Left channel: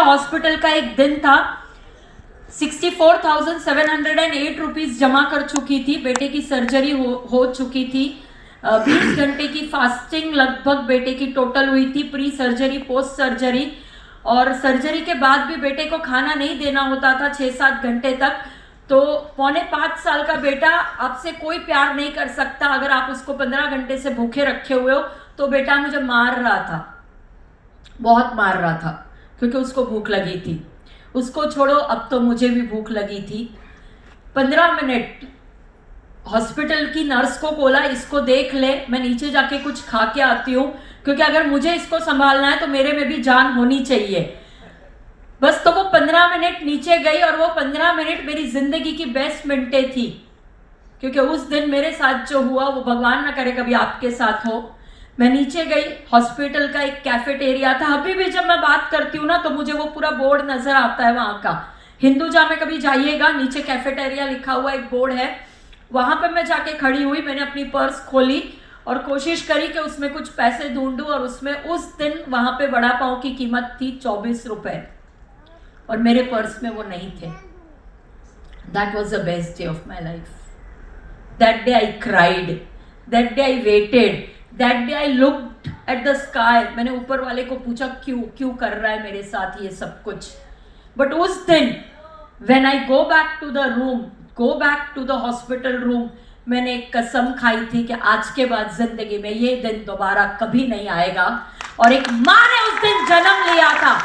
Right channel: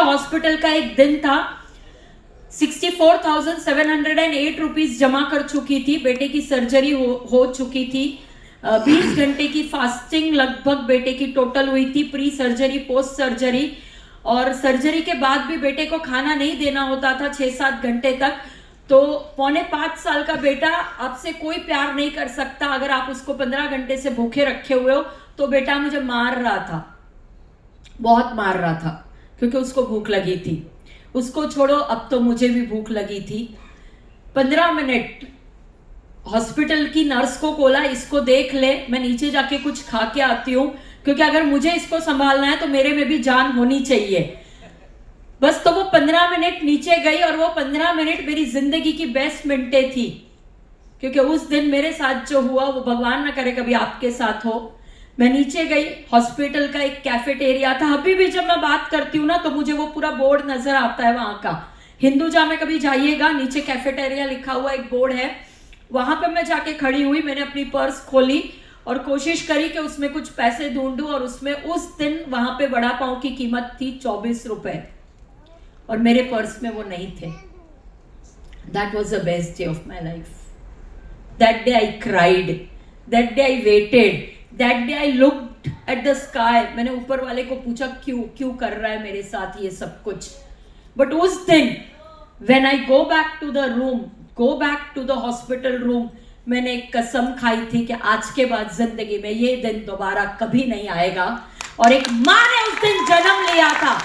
Hospital का एक दिन था, 64,708 रुपीज जमा कर चुकी थी। बेटे की सर्जरी हो चुकी थी। 20 घंटे की फास्टिंग लगभग बेटे की टोटल हुई थी, प्री सर्जरी पोस्ट सर्जरी। और सर्जरी के बाद भी बेटे को खाना नहीं देना होता था 6-7 घंटे तक। तो 4.5 साल का बेटा आपसे कोई प्यार नहीं कर सकता अगर आप उसको 15 घंटे से भूखे रखे हुए हो। तो बेटा मुझे मार रहा था, बहुत मार रहा था, क्योंकि उसको भूख लगी थी। उसको छोड़ो, अब तो मुझे भी भूख लगी थी। 15 मिनट हॉस्पिटल की नर्स को बोला, इसको देख ले, मैं नीचे जाके कुछ खा के आती हूँ, क्योंकि अगर मुझे इसको संभालना है तो मेरे में भी जान होनी चाहिए। बस तो वो 15 मिनट नीचे गई और वो 15 मिनट मेरी जिंदगी की बेस्ट मिनटें थी, क्योंकि उस दिन मेरे साथ जो हुआ वो भगवान ना करे कभी आपके साथ हो। मैं नीचे गई, हॉस्पिटल का एक कैफेटेरिया था। अभी भी जब मैं बात करती हूँ ना तो मुझे वो पूरा बोर्ड नजर आता है वहां का। हिंदुजा में कभी जाइएगा, नीचे कैफेटेरिया लिखा हुआ एक बोर्ड है, वहां पे मैं जाके खड़ी हुई। मैंने अपनी पर्स खोली और कोशिश करी कि उसमें कुछ पैसे ढूंढूं, और उसमें उस दिन वहां पे वड़ा पाव की कीमत थी 24 रुपए, और मेरे पर्स में वो नहीं थे। That was the best day of my life. That day I cried, that day I waited, that day I looked at the sky. मैंने ऊपर वाले को पूछा क्यों कर रहा है मेरे साथ ये सब कुछ। बट उस दिन when I go back to the room, go back to the hospital room, मैंने एक कसम खाई थी कि आज के बाद जिंदगी में ये दिन दोबारा कभी नहीं आएगा। और एक माँ ने उस दिन जन्म लिया था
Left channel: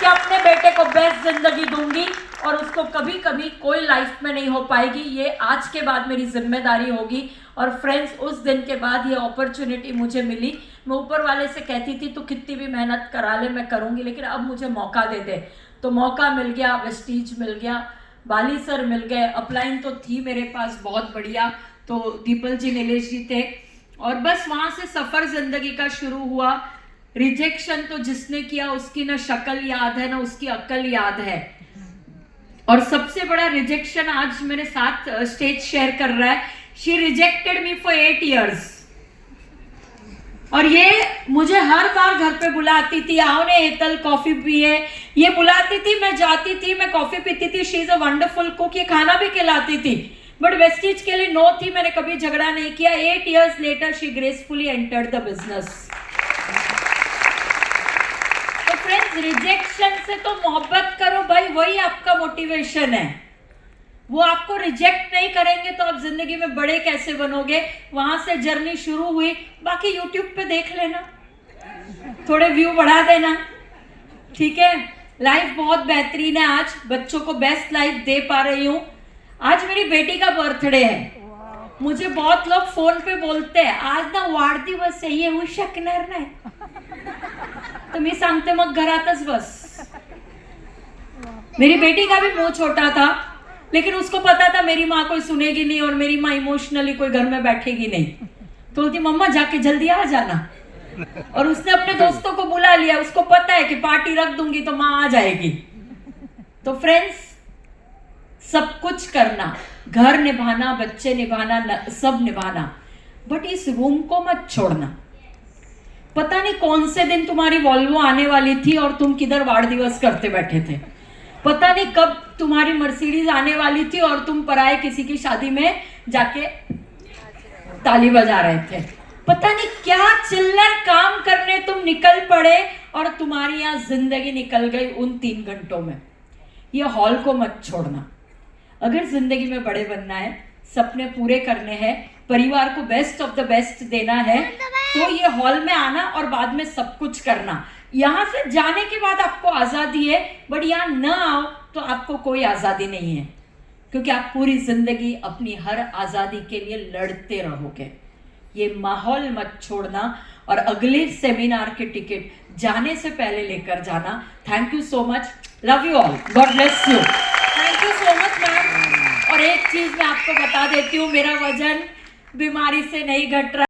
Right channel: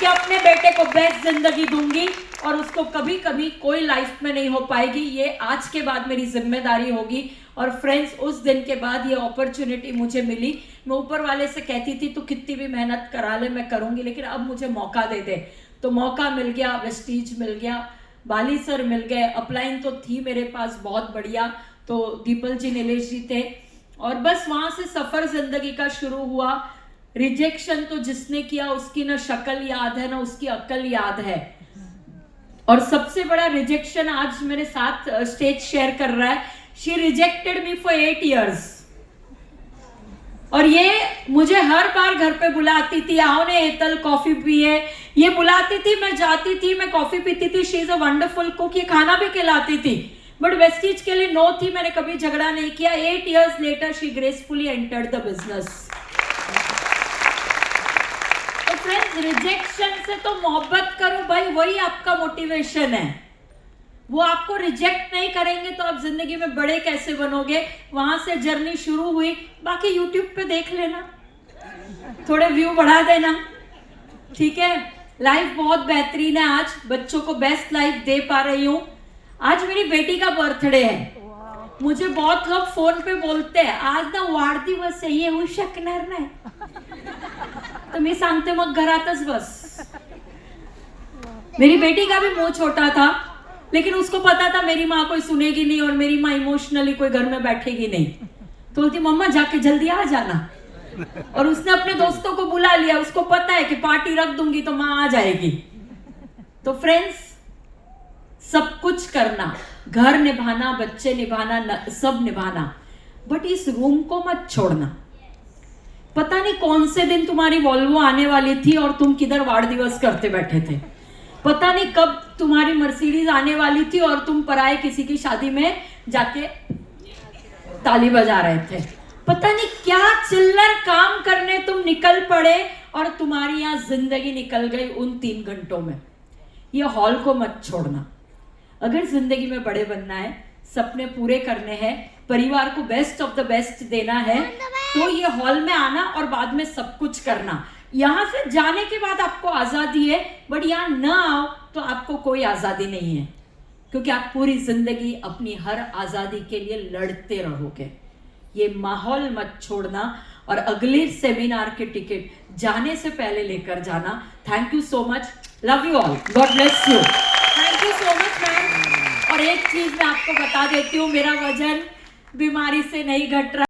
कि अपने बेटे को बेस्ट जिंदगी दूंगी, और उसको कभी कभी कोई लाइफ में नहीं हो पाएगी। ये आज के बाद मेरी जिम्मेदारी होगी। और फ्रेंड्स, उस दिन के बाद ये अपॉर्चुनिटी मुझे मिली। मैं ऊपर वाले से कहती थी तू कितनी भी मेहनत करा ले, मैं करूंगी, लेकिन अब मुझे मौका दे दे। तो मौका मिल गया, वेस्टीज मिल गया, बाली सर मिल गए, अपलाइन तो थी मेरे पास बहुत बढ़िया, तो दीपल जी, नीलेश जी थे। और बस वहां से सफर जिंदगी का शुरू हुआ। रिजेक्शन तो जिसने किया उसकी ना शक्ल याद है ना उसकी अक्ल याद है। और सबसे बड़ा रिजेक्शन आज मेरे साथ स्टेज शेयर कर रहा है। She rejected me for 8 years। और ये मुझे हर बार घर पे बुलाती थी, आओ ने एतल कॉफी पिए, ये बुलाती थी, मैं जाती थी, मैं कॉफी पीती थी। She is a wonderful cook, ये खाना भी खिलाती थी। बट वेस्टीज के लिए नो थी, मैंने कभी झगड़ा नहीं किया। 8 years later she gracefully entered the business. तो फ्रेंड्स, रिजेक्शन से तो मोहब्बत करो भाई, वही आपका मोटिवेशन है। वो आपको रिजेक्ट नहीं करेंगे तो आप जिंदगी में बड़े कैसे बनोगे। वहां से जर्नी शुरू हुई। बाकी यूट्यूब पे देख लेना, थोड़े व्यू बढ़ा देना, ठीक है। लाइफ बहुत बेहतरीन है, आज बच्चों को बेस्ट लाइफ दे पा रही हूँ। आज मेरी बेटी का बर्थडे है। मुझे बहुत लोग फोन पे बोलते हैं आज ना वाढदिवस आहे, येऊ शकणार नाही। तो मी सांगते मग घरातच बस। मेरी बेटी का भी मुंह छोटा था, लेकिन उसको पता था मेरी माँ कोई सुनेगी नहीं और मेरी माँ इमोशनली कोई घर में बैठेगी नहीं। तो बोलती मम्मा जाके जल्दी आ जाना। और उसने अपने दोस्तों को बुला लिया, उसको पता है कि पार्टी रख दूंगी तो माँ आ जाएगी। तो फ्रेंड्स, सब कुछ करना, घर निभाना, बच्चे निभाना, सब निभाना, बट इस रूम को मत छोड़ना। पता नहीं कौन से दिन तुम्हारी वॉल्वो आने वाली थी और तुम किधर वाड़ दिवस करते बैठे थे। पता नहीं कब तुम्हारी मर्सिडीज आने वाली थी और तुम पराए किसी की शादी में जाके ताली बजा रहे थे। पता नहीं क्या चिल्लर काम करने तुम निकल पड़े और तुम्हारी यहाँ जिंदगी निकल गई उन 3 घंटों में। ये हॉल को मत छोड़ना। अगर जिंदगी में बड़े बनना है, सपने पूरे करने हैं, परिवार को बेस्ट ऑफ द बेस्ट देना है, तो ये हॉल में आना और बाद में सब कुछ करना। यहाँ से जाने के बाद आपको आजादी है, बट यहाँ न आओ तो आपको कोई आजादी नहीं है, क्योंकि आप पूरी जिंदगी अपनी हर आजादी के लिए लड़ते रहोगे। ये माहौल मत छोड़ना। और अगले सेमिनार के टिकट जाने से पहले लेकर जाना। Thank you so much, love you all, God bless you, thank you so much ma'am. और एक चीज मैं आपको बता देती हूँ, मेरा वजन बीमारी से नहीं घट रहा।